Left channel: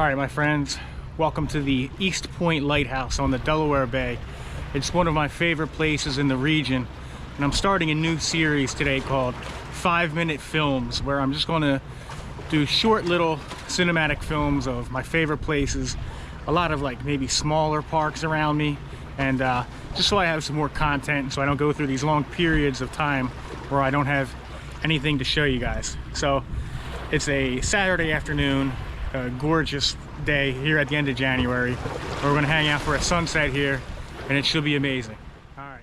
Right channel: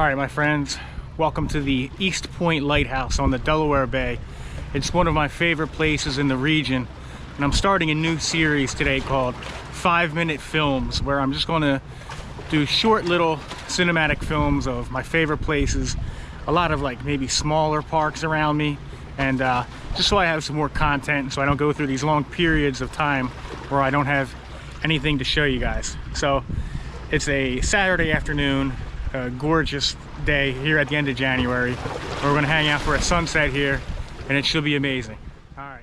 All right, my friends, welcome to the East Point Lighthouse on the Delaware Bay. It's one of my favorite places in the region, and I'm starting a new series today called 5-Minute Films, where I'm just going to do short little cinematic films of my favorite places, a lot of like maybe smaller parks around me, and just so I have some more content, so I don't go through these long periods of time where I don't have anything to show you guys. So it's a Saturday afternoon, a gorgeous day here at the end of January. We're going to hang out for a sunset here, and it should be amazing. All right.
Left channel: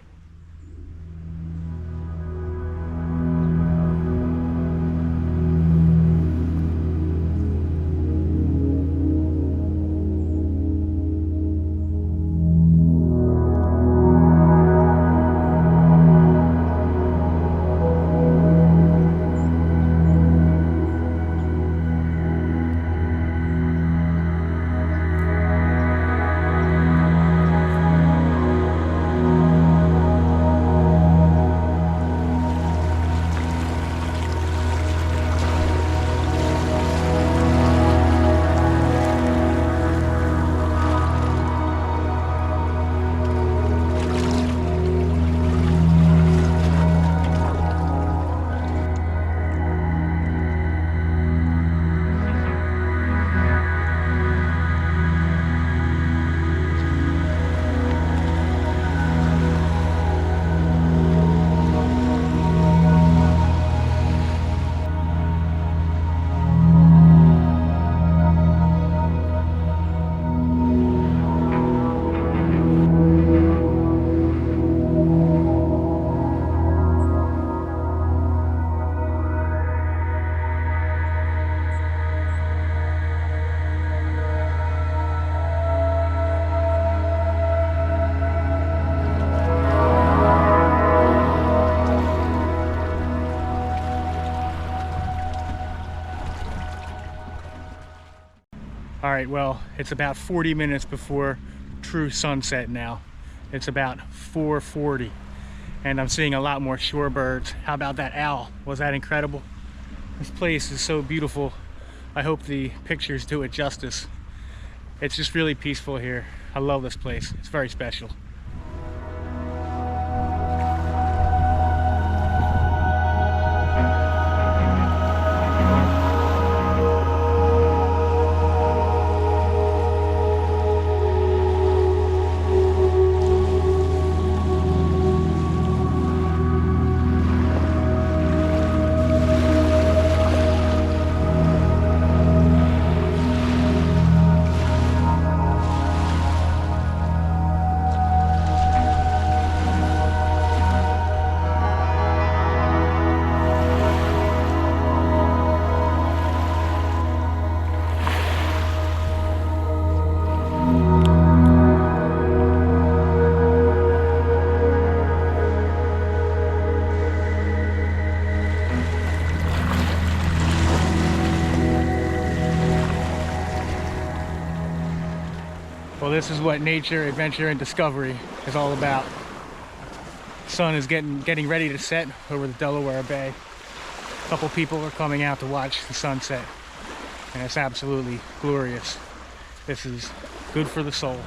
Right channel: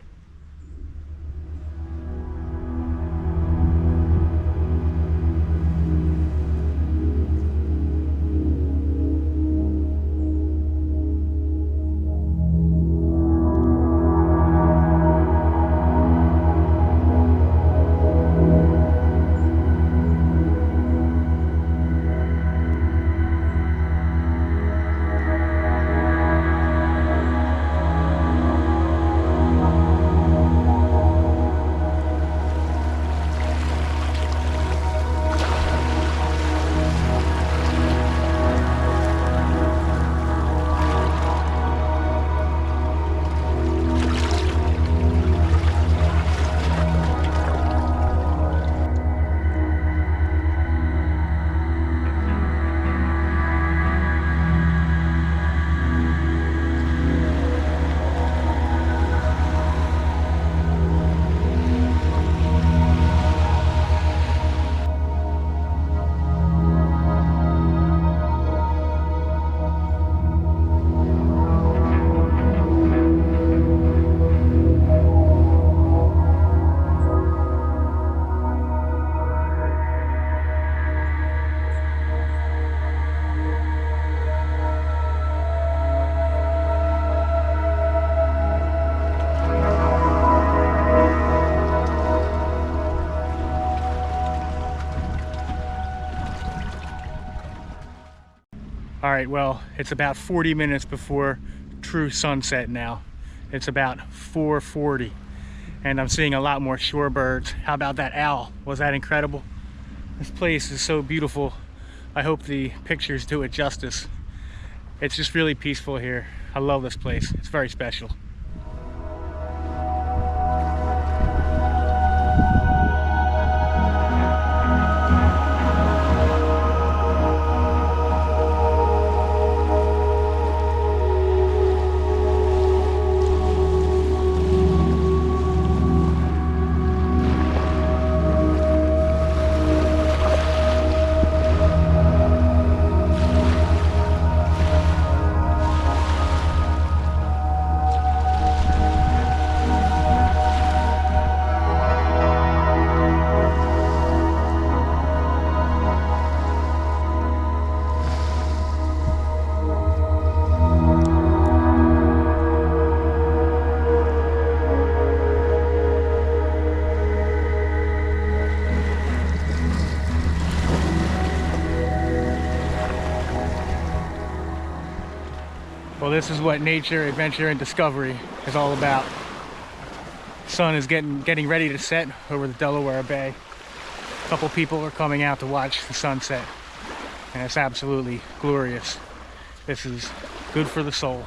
All right, well, it's about 40 minutes before true sunset now. It's about 4:40, and I'm seeing a lot more shorebirds. How about that owl? Was that incredible? This place is so beautiful. I hope the pictures do it justice. It's just really peaceful here. I love this place. It's very special. Well, this is what nature, adventure, and discovery is all about. The sun is getting ready to set over the Delaware Bay. A couple people are coming out to watch the sunset, and it's absolutely glorious. This is good for the soul.